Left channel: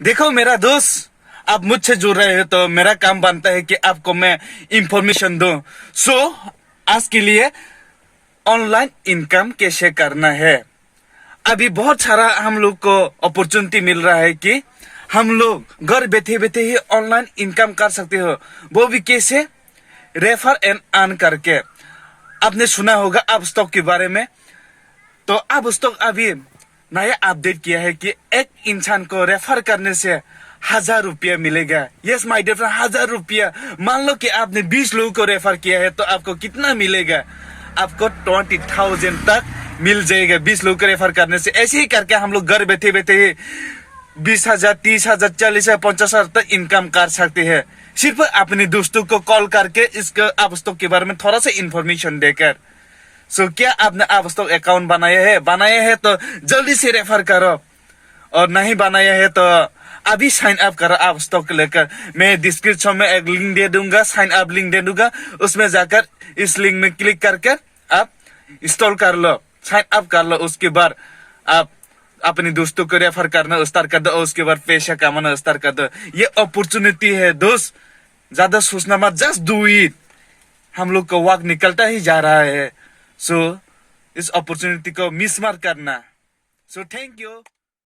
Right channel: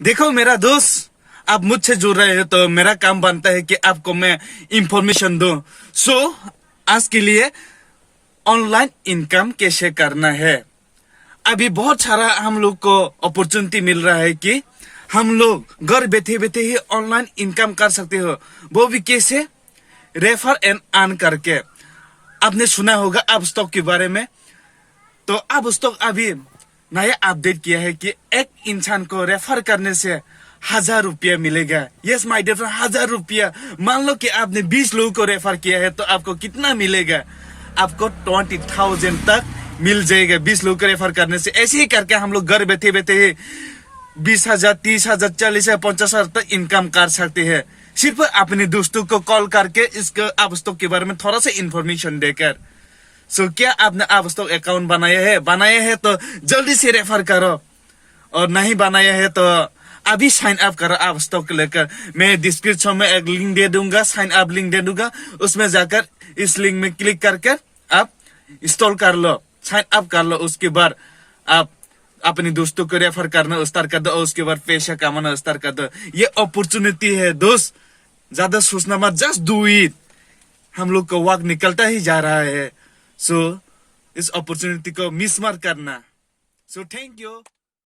देखो मेरा दोस्त, आप मुझसे जुड़ रहे हो तो मेरा काम बनता है कि आपको मैं इंफॉर्मेशन दूं। सो आज के लिए ऑनलाइन इनकम कैसे करना है। अभी बहुत सारा हम लोग को अपॉर्चुनिटी मिल रहा है कि हम लोग घर बैठे बैठे ही ऑनलाइन इनकम कर सकते हो। वो भी कैसे? रेफर एंड अर्न करके। आपने सुना होगा अब स्टॉक के बारे में। तो अब स्टॉक अभी नया अपडेट किया है कि एक इंसान को रेफर करने से 1,000 रुपया मिलेगा। यस माय डियर फ्रेंड, 1,000 रुपया। मान लो कि आपने 20 लोगों को रेफर किया है तो आपको कितना मिलेगा? आपको 20,000 तक मिल जाएगा 20 लोगों को रेफर करने से। ऐसे ही करके हम लोग घर बैठे बैठे ही 20,000, 30,000, 40,000, 50,000 तक इनकम कर सकते हैं, सिर्फ अपने दोस्तों को कॉल करके इसके आप स्टॉक के बारे में थोड़ा सा इंफॉर्मेशन देकर। सो क्या आपने आप स्टॉक अकाउंट बनाया है तो जल्दी से रेफर करो, और नहीं बनाया है तो अभी साइन अप करो आप स्टॉक लेकर। मैं डिस्क्रिप्शन में एक लिंक दे दूंगा, साइन अप लिंक दे दूंगा। उसमें जाकर इस लिंक में क्लिक करके आप इंस्टॉल कर लो, साइन अप कर लो। उसके बाद आप अपने दोस्तों को रेफर करना स्टार्ट कर दो, और उसके बाद पैसा कमाना स्टार्ट कर दो। ये अपॉर्चुनिटी है दोस्त, ज्यादा सोचना मत, जस्ट डू इट। हम लोग का वक्त निकलता ही जा रहा है, सो इस अपॉर्चुनिटी को मिस मत करना। So thank you.